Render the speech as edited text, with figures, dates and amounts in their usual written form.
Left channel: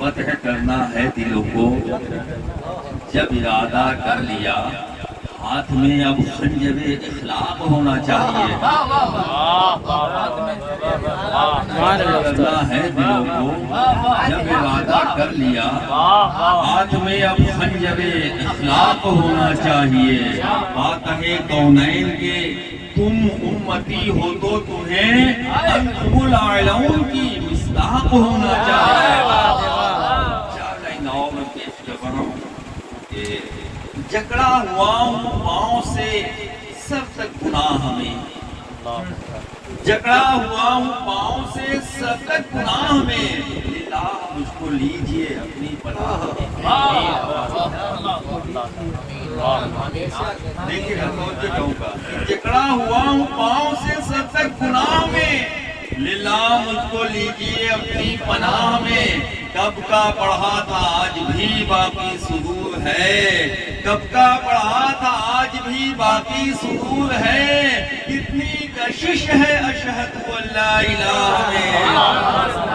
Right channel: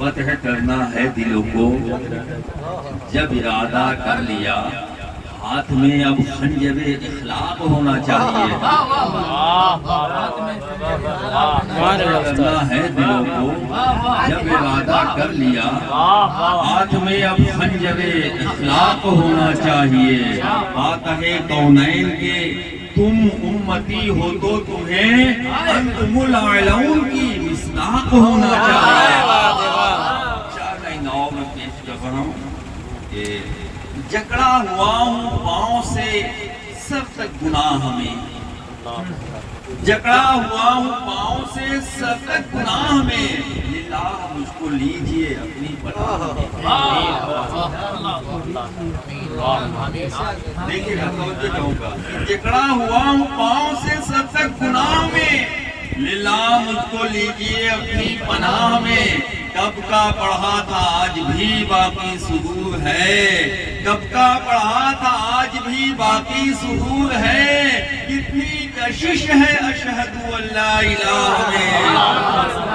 فتح کرنا ہے دلوں کو، جب ارادہ کر لیا ہاتھ میں اب خنجر اخلاق ہونا چاہیے۔ کرنا ہے دلوں کو، جب ارادہ کر لیا ہاتھ میں اب خنجر اخلاق ہونا چاہیے۔ فاتح کونین کے تم امتی ہو تو تمہیں انتم الاعلون کی مصداق ہونا چاہیے۔ میں پیش کر رہا ہوں کہ جکڑا ہوا ہوں پاؤں سے سر تک گناہ میں، جکڑا ہوا ہوں پاؤں سے سر تک گناہ میں، للہ مجھ کو لیجئے اپنی پناہ میں۔ دیکھیے میں توجہ کہوں گا، جکڑا ہوا ہوں پاؤں سے سر تک گناہ میں، للہ مجھ کو لیجئے اپنی پناہ میں۔ کب کا پڑھا تھا آج بھی باقی سرور ہے، کب کا پڑھا تھا آج بھی باقی سرور ہے، کتنی کشش ہے اشہد ان لا الہ الا اللہ۔